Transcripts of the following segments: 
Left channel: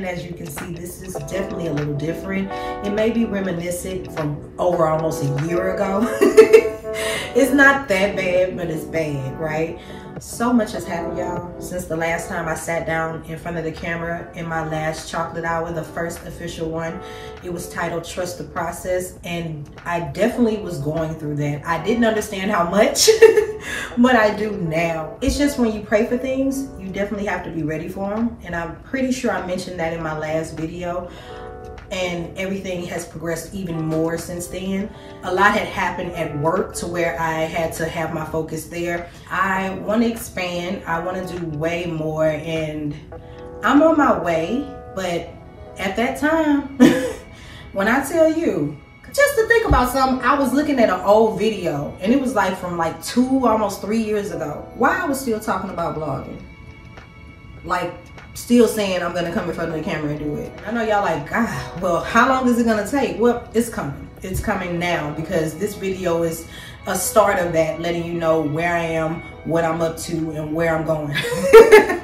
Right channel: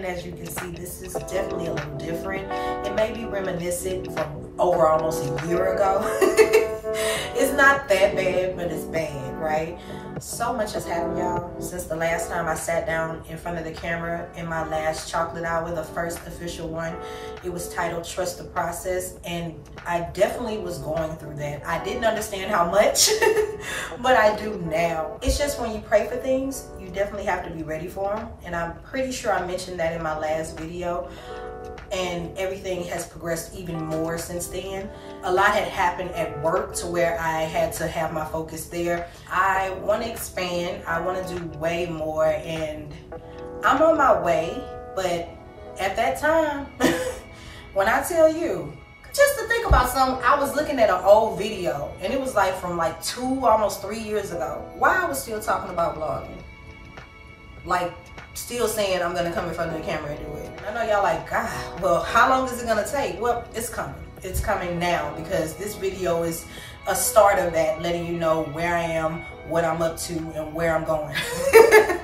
And as you can see, this is definitely a little different. It may be reminiscent from over almost a year ago. It's not that bad, but it's bad, right? So much has happened, y'all, since the last time I sat down in front of the camera in my last chocolate hour, the first official one. It was titled Trust the Process, and I definitely was going through that. I didn't understand how much, but I do now. It's just when you pray for things, you definitely have to be ready for them, and I'm pretty sure I mentioned that in my last video. And everything has progressed even more since then. A lot had happened at work to where I had to have my focus there. I want to expand, I want to do way more, and I'm on my way. But at that time, when I tell you, just to think about something, I was looking at an old video and it was like from like 2, almost 3 years ago. Why I was still talking about vlogging. Like, still saying I'm gonna come in front of the camera and do it. I know y'all like, God, well, how long is it gonna take? Well, it's coming. It's coming now, because this video is a start of that, letting you know where I am, what I'm up to, and where I'm going,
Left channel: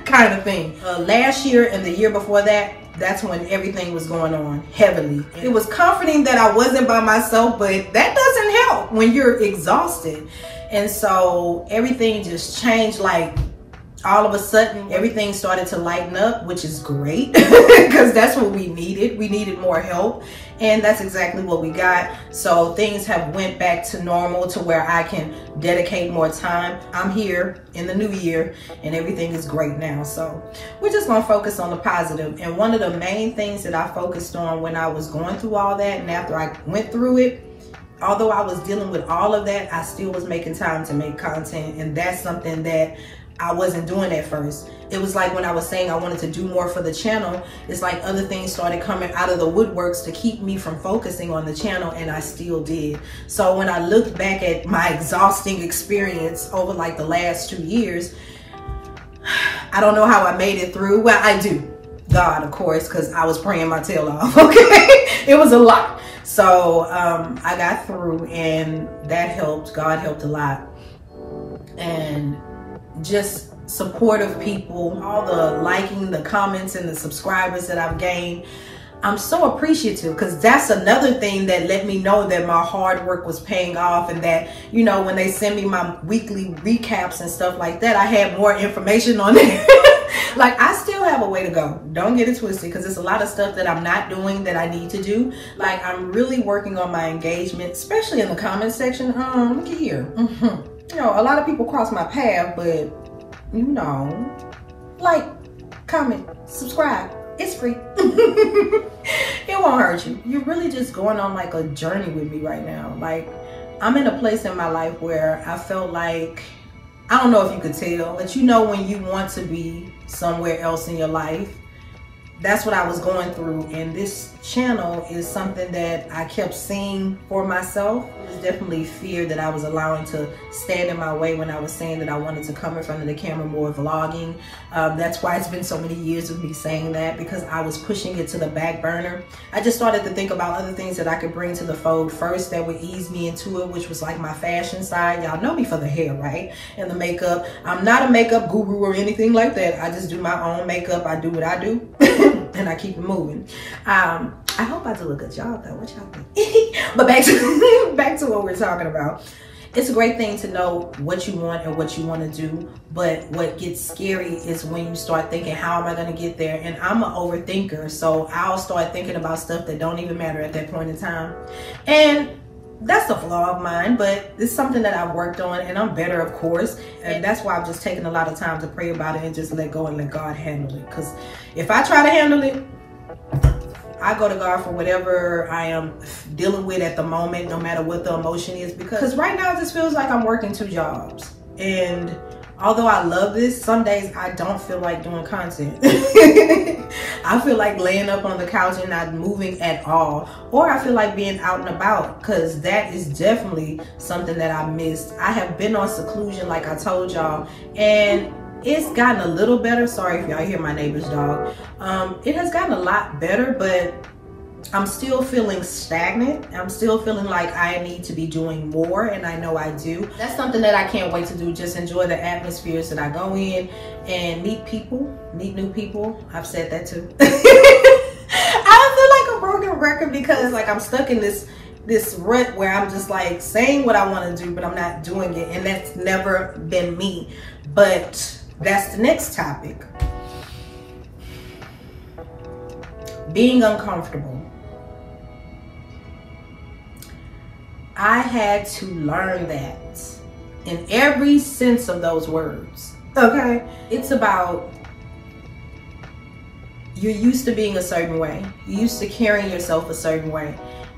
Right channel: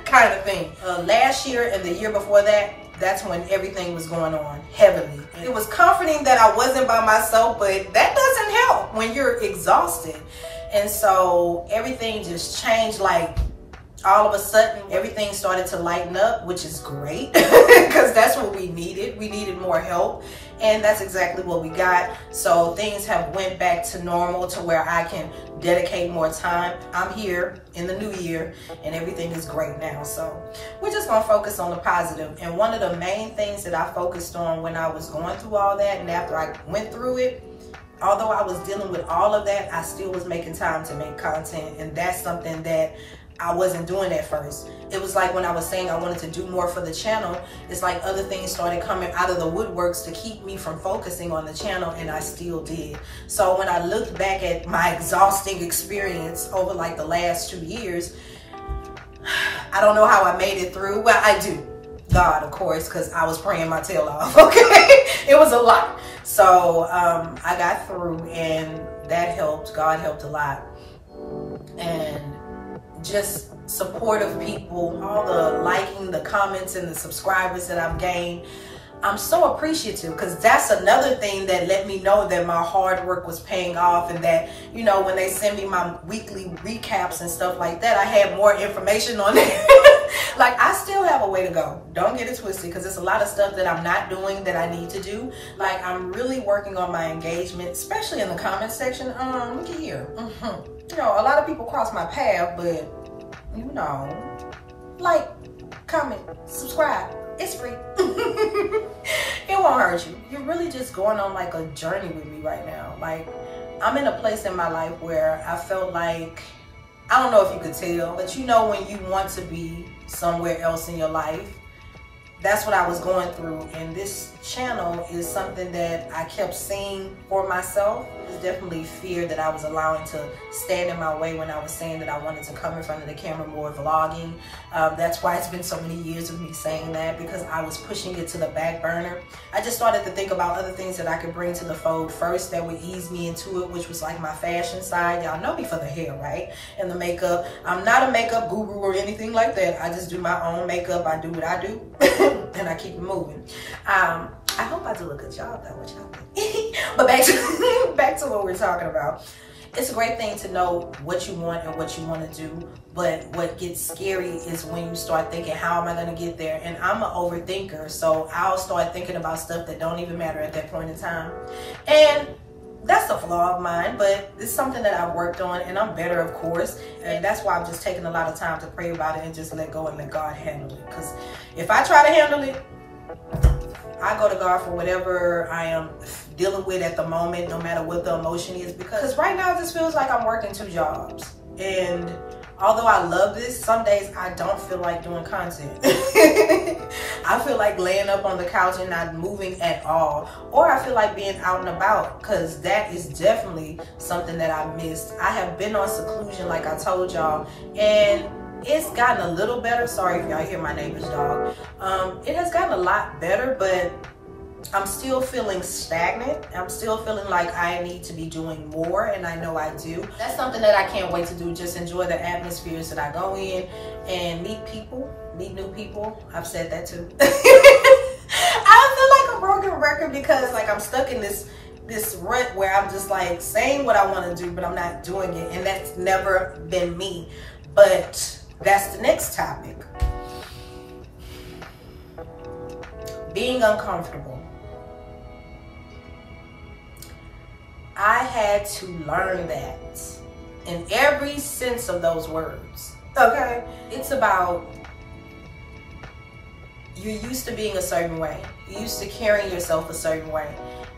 kind of thing. Last year and the year before that, that's when everything was going on heavily. It was comforting that I wasn't by myself, but that doesn't help when you're exhausted. And so everything just changed, like, all of a sudden, everything started to lighten up, which is great, because that's what we needed. We needed more help, and that's exactly what we got. So things have went back to normal, to where I can dedicate more time. I'm here in the new year, and everything is great now. So we're just gonna focus on the positive. And one of the main things that I focused on when I was going through all that, and after I went through it, although I was dealing with all of that, I still was making time to make content, and that's something that I wasn't doing at first. It was like when I was saying I wanted to do more for the channel, it's like other things started coming out of the woodworks to keep me from focusing on the channel, and I still did. So when I looked back at my exhausting experience over like the last 2 years, I don't know how I made it through. Well, I do. God, of course, because I was praying my tail off, okay? It was a lot. So I got through, and that helped. God helped a lot. And just supportive people, all the liking, the comments, and the subscribers that I've gained. I'm so appreciative, because that's another thing that let me know that my hard work was paying off, and that, you know, when they send me my weekly recaps and stuff like that, I had more information on there. Like, I still have a way to go. Don't get it twisted, because there's a lot of stuff that I'm not doing that I need to do. Like, I'm really working on my engagement, especially in the comment section. Look at here. You know, a lot of people cross my path, but, you know, like, comment, subscribe. It's free. It won't hurt you. You're really just going on like a journey with me right now. Like, I'm in a place in my life where I felt like, I don't know if you could tell, but you know when you want to be somewhere else in your life. That's what I was going through, and this channel is something that I kept seeing for myself. There's definitely fear that I was allowing to stand in my way when I was saying that I wanted to come in front of the camera more, vlogging. That's why it's been so many years of me saying that, because I was pushing it to the back burner. I just started to think about other things that I could bring to the fold first that would ease me into it, which was like my fashion side. Y'all know me for the hair, right? And the makeup. I'm not a makeup guru or anything like that. I just do my own makeup. I do what I do. And I keep it moving. I hope I do a good job though. What y'all think? But back to what we're talking about. It's a great thing to know what you want and what you want to do, but what gets scary is when you start thinking, how am I going to get there? And I'm an overthinker, so I'll start thinking about stuff that don't even matter at that point in time. And that's a flaw of mine, but it's something that I've worked on, and I'm better, of course. And that's why I've just taken a lot of time to pray about it and just let go and let God handle it. Because if I try to handle it, I go to God for whatever I am dealing with at the moment, no matter what the emotion is. Because right now it just feels like I'm working 2 jobs. And although I love this, some days I don't feel like doing content. I feel like laying up on the couch and not moving at all. Or I feel like being out and about, because that is definitely something that I missed. I have been on seclusion, like I told y'all, and it's gotten a little better. Sorry if y'all hear my neighbor's dog. It has gotten a lot better, but I'm still feeling stagnant. I'm still feeling like I need to be doing more, and I know I do. That's something that I can't wait to do. Just enjoy the atmospheres that I go in and meet people, meet new people. I've said that too. record, because like I'm stuck in this rut where I'm just like saying what I want to do, but I'm not doing it, and that's never been me. But that's the next topic. Being uncomfortable. I had to learn that in every sense of those words. Okay? It's about, you're used to being a certain way. You're used to carrying yourself a certain way.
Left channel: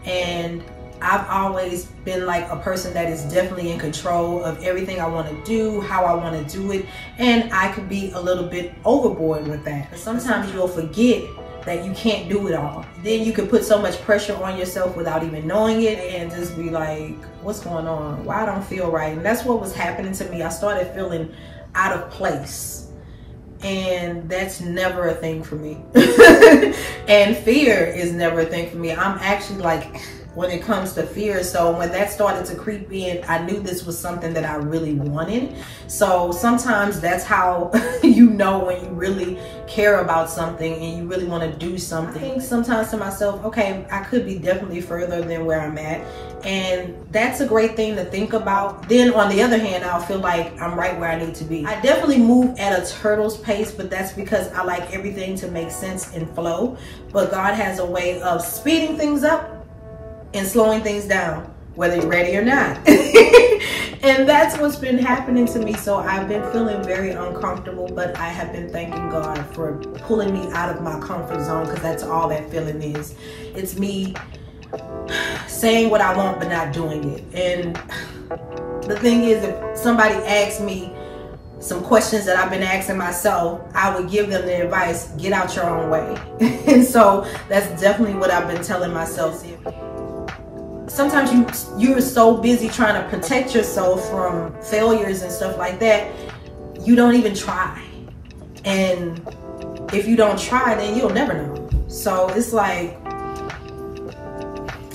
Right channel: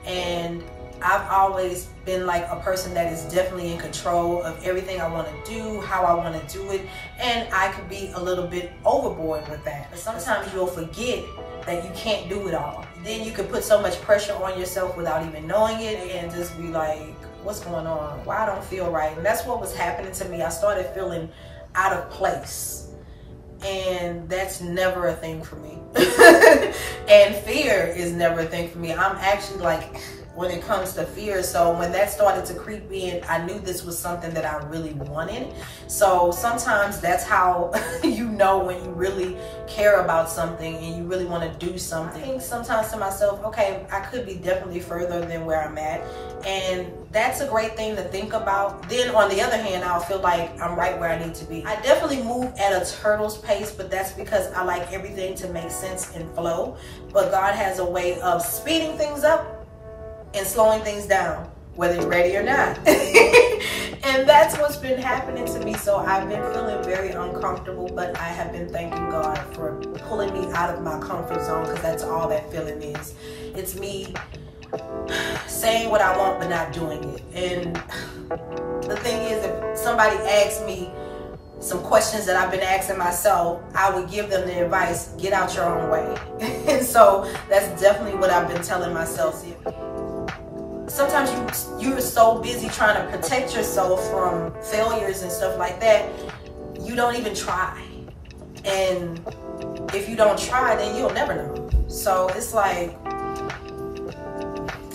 And I've always been like a person that is definitely in control of everything I want to do, how I want to do it. And I could be a little bit overboard with that. Sometimes you'll forget that you can't do it all. Then you can put so much pressure on yourself without even knowing it, and just be like, what's going on? Why I don't feel right? And that's what was happening to me. I started feeling out of place. And that's never a thing for me. And fear is never a thing for me. I'm actually like, when it comes to fear, so when that started to creep in, I knew this was something that I really wanted. So sometimes that's how you know when you really care about something and you really want to do something. I think sometimes to myself, okay, I could be definitely further than where I'm at, and that's a great thing to think about. Then on the other hand, I'll feel like I'm right where I need to be. I definitely move at a turtle's pace, but that's because I like everything to make sense and flow. But God has a way of speeding things up and slowing things down, whether you're ready or not. And that's what's been happening to me. So I've been feeling very uncomfortable, but I have been thanking God for pulling me out of my comfort zone, because that's all that feeling is. It's me saying what I want but not doing it. And the thing is, if somebody asks me some questions that I've been asking myself, I would give them the advice, get out your own way. And so that's definitely what I've been telling myself. Sometimes you're so busy trying to protect yourself from failures and stuff like that, you don't even try. And if you don't try, then you'll never know. So it's like,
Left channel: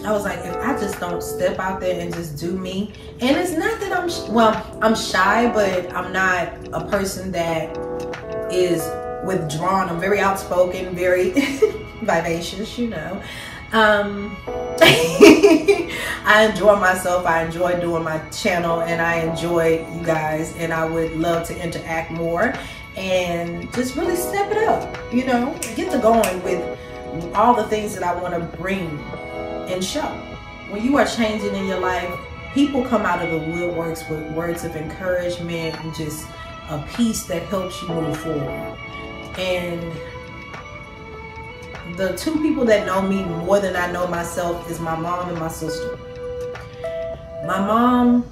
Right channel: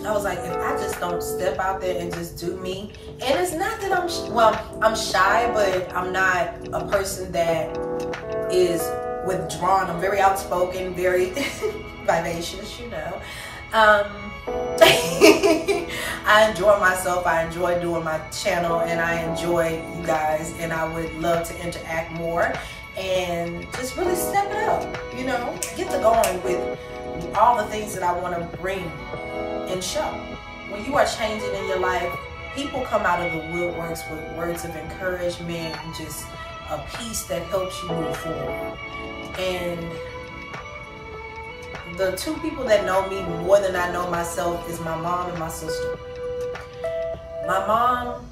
I was like, if I just don't step out there and just do me. And it's not that I'm shy, but I'm not a person that is withdrawn. I'm very outspoken, very vivacious, you know. I enjoy myself. I enjoy doing my channel, and I enjoy you guys, and I would love to interact more and just really step it up, you know, get to going with all the things that I want to bring and show. When you are changing in your life, people come out of the woodworks with words of encouragement and just a piece that helps you move forward. And the two people that know me more than I know myself is my mom and my sister. My mom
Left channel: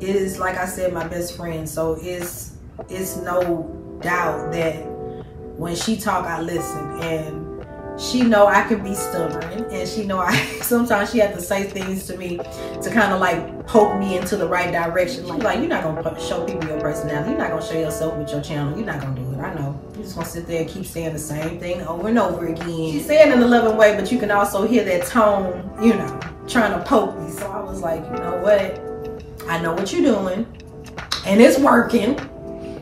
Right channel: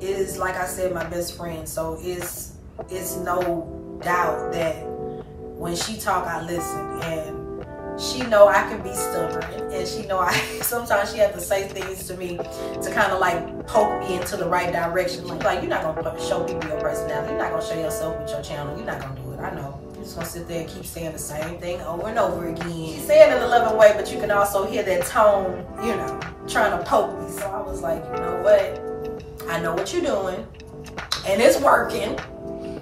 is, like I said, my best friend, so it's no doubt that when she talk, I listen, and she know I can be stubborn, and she know sometimes she has to say things to me to kind of like poke me into the right direction. Like you're not gonna show people your personality. You're not gonna show yourself with your channel. You're not gonna do it. I know. You're just gonna sit there and keep saying the same thing over and over again. She's saying it in a loving way, but you can also hear that tone, you know, trying to poke me. So I was like, you know what? I know what you're doing, and it's working.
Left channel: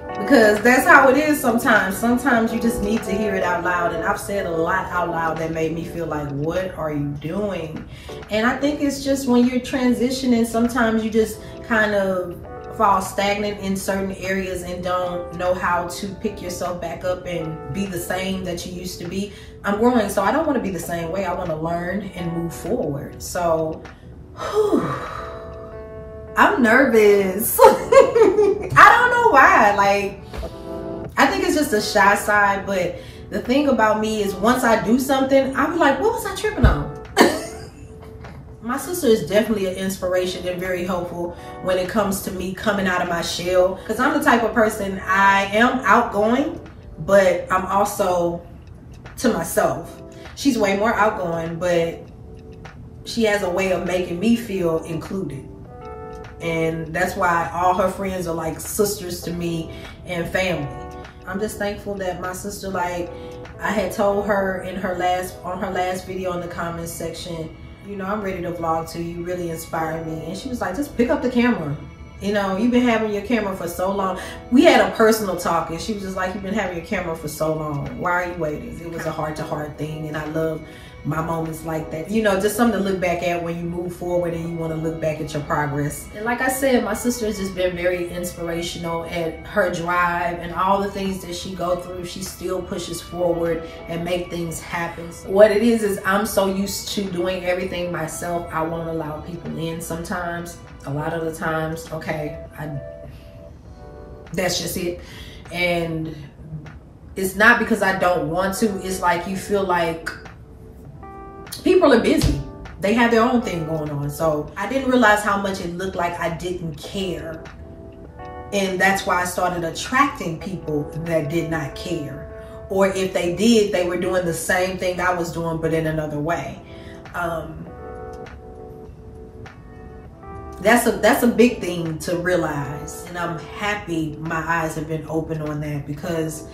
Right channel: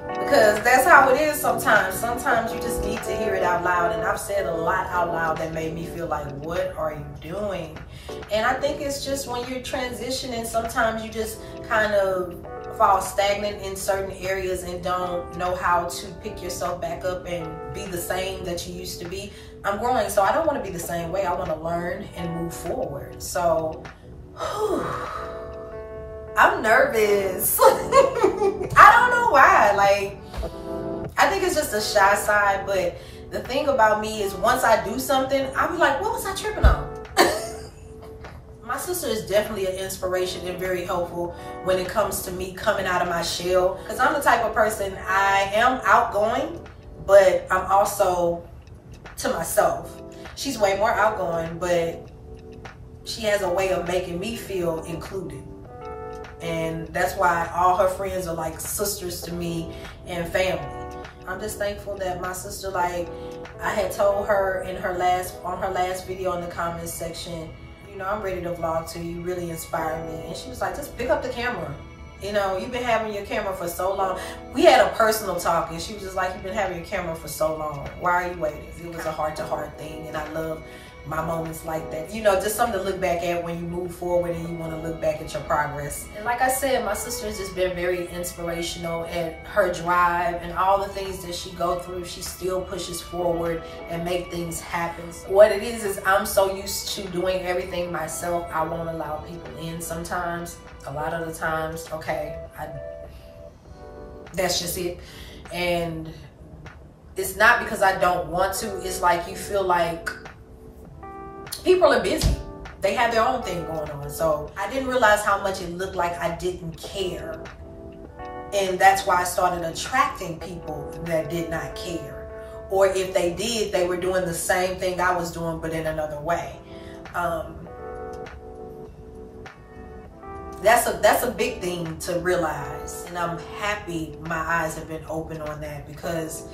Because that's how it is sometimes. Sometimes you just need to hear it out loud. And I've said a lot out loud that made me feel like, what are you doing? And I think it's just when you're transitioning, sometimes you just kind of fall stagnant in certain areas and don't know how to pick yourself back up and be the same that you used to be. I'm growing, so I don't want to be the same way. I want to learn and move forward. So, I'm nervous. I don't know why. Like, I think it's just a shy side, but the thing about me is once I do something, I'm like, what was I tripping on? My sister is definitely an inspiration and very helpful when it comes to me coming out of my shell. Because I'm the type of person, I am outgoing, but I'm also to myself. She's way more outgoing, but she has a way of making me feel included. And that's why all her friends are like sisters to me and family. I'm just thankful that my sister, like I had told her on her last video in the comments section, you know, I'm ready to vlog too. You really inspired me. And she was like, just pick up the camera. You know, you've been having your camera for so long. We had a personal talk, and she was just like, you've been having your camera for so long. Why are you waiting? It was a heart-to-heart thing, and I love my moments like that. You know, just something to look back at when you move forward and you want to look back at your progress. And like I said, my sister has just been very inspirational, and her drive and all the things that she go through, she still pushes forward and make things happen. So what it is I'm so used to doing everything myself, I won't allow people in sometimes. A lot of the times, okay, that's just it. And it's not because I don't want to, it's like you feel like people are busy. They have their own thing going on. So I didn't realize how much it looked like I didn't care. And that's why I started attracting people that did not care. Or if they did, they were doing the same thing I was doing, but in another way. That's a big thing to realize. And I'm happy my eyes have been open on that, because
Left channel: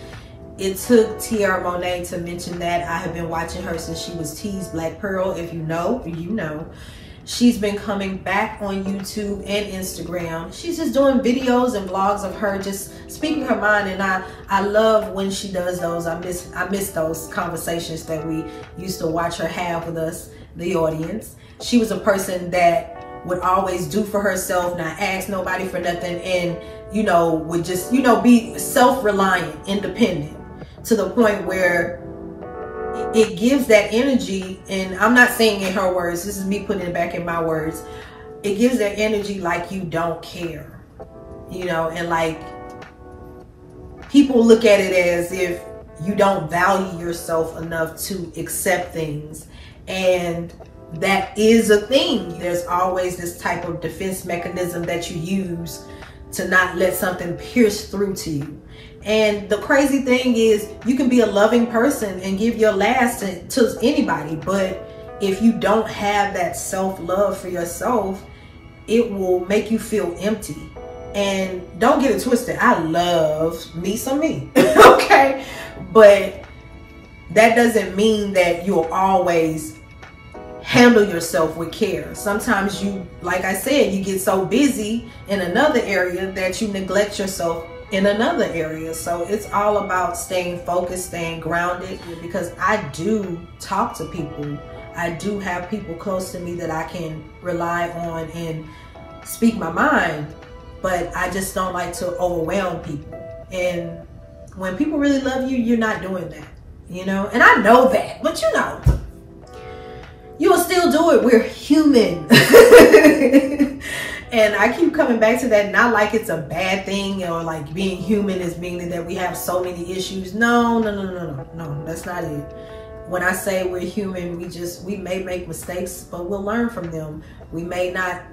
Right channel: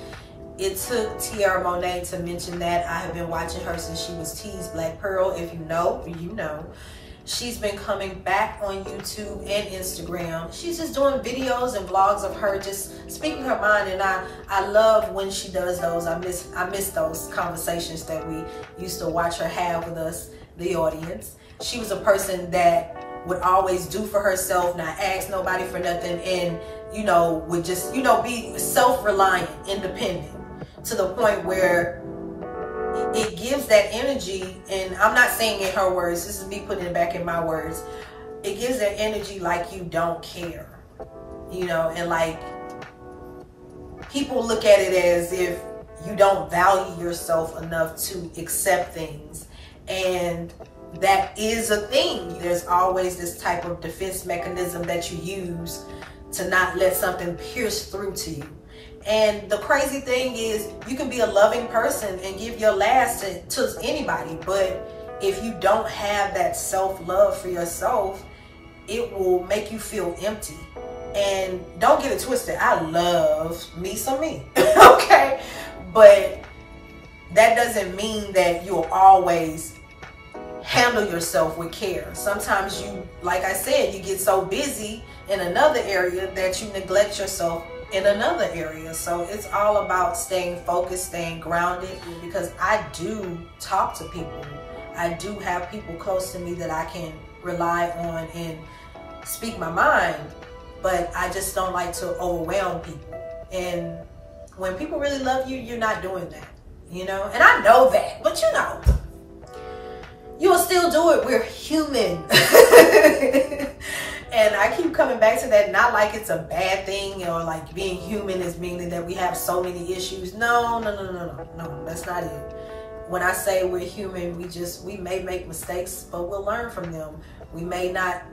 it took Tiara Monet to mention that. I have been watching her since she was T's Black Pearl. If you know, you know. She's been coming back on YouTube and Instagram. She's just doing videos and vlogs of her just speaking her mind, and I love when she does those. I miss those conversations that we used to watch her have with us, the audience. She was a person that would always do for herself, not ask nobody for nothing, and you know, would just, you know, be self-reliant, independent, to the point where it gives that energy. And I'm not saying in her words, this is me putting it back in my words, it gives that energy like you don't care, you know, and like people look at it as if you don't value yourself enough to accept things. And that is a thing. There's always this type of defense mechanism that you use to not let something pierce through to you. And the crazy thing is, you can be a loving person and give your last to anybody, but if you don't have that self-love for yourself, it will make you feel empty. And don't get it twisted, I love me some me, okay? But that doesn't mean that you'll always handle yourself with care. Sometimes you, like I said, you get so busy in another area that you neglect yourself in another area. So it's all about staying focused, staying grounded, because I do talk to people. I do have people close to me that I can rely on and speak my mind, but I just don't like to overwhelm people. And when people really love you, you're not doing that, you know? And I know that, but you know, you'll still do it. We're human. And I keep coming back to that, not like it's a bad thing, or like being human is meaning that we have so many issues. No, that's not it. When I say we're human, we may make mistakes, but we'll learn from them. We may not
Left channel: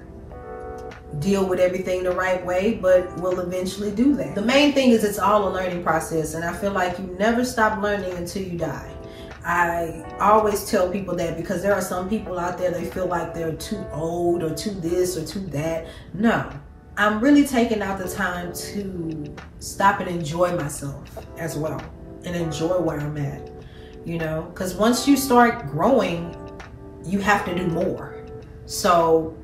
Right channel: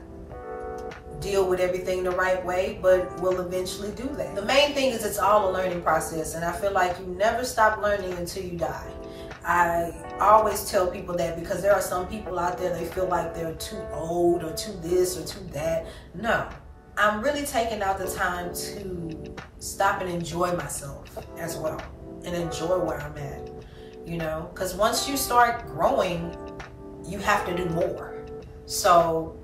deal with everything the right way, but we'll eventually do that. The main thing is it's all a learning process, and I feel like you never stop learning until you die. I always tell people that, because there are some people out there, they feel like they're too old or too this or too that. No, I'm really taking out the time to stop and enjoy myself as well, and enjoy where I'm at, you know, because once you start growing, you have to do more. So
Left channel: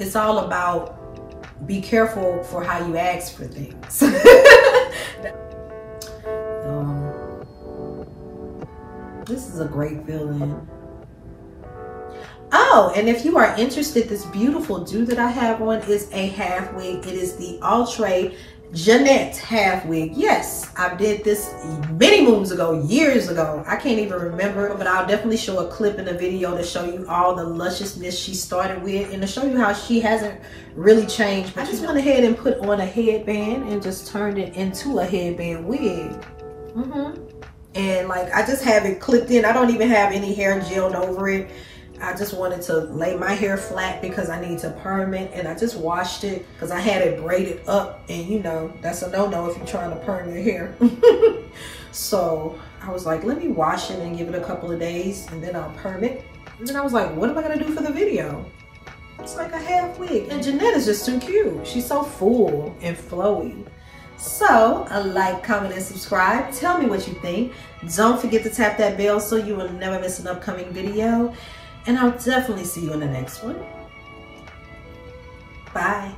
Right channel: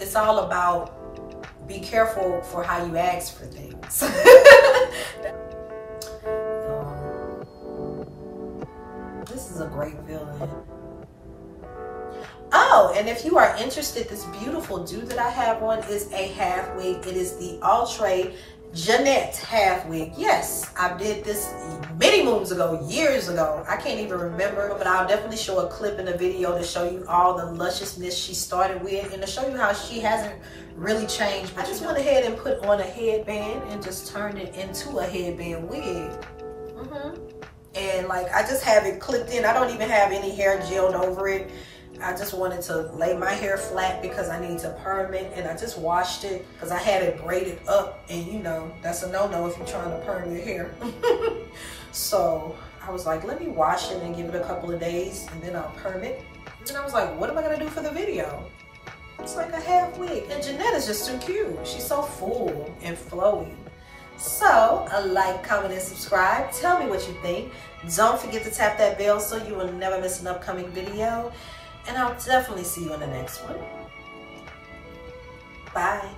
it's all about be careful for how you ask for things. This is a great feeling. Oh, and if you are interested, this beautiful do that I have on is a half wig. It is the Outre Jeanette half wig. Yes, I did this many moons ago, years ago. I can't even remember, but I'll definitely show a clip in the video to show you all the lusciousness she started with, and to show you how she hasn't really changed. I just went ahead and put on a headband and just turned it into a headband wig. And like, I just have it clipped in. I don't even have any hair gelled over it. I just wanted to lay my hair flat because I need to perm it, and I just washed it because I had it braided up, and you know, that's a no-no if you're trying to perm your hair. So I was like, let me wash it and give it a couple of days, and then I'll perm it. And then I was like, what am I gonna do for the video? It's like a half wig. And Jeanette is just too cute. She's so full and flowy. So, like, comment, and subscribe. Tell me what you think. Don't forget to tap that bell so you will never miss an upcoming video. And I'll definitely see you in the next one. Bye.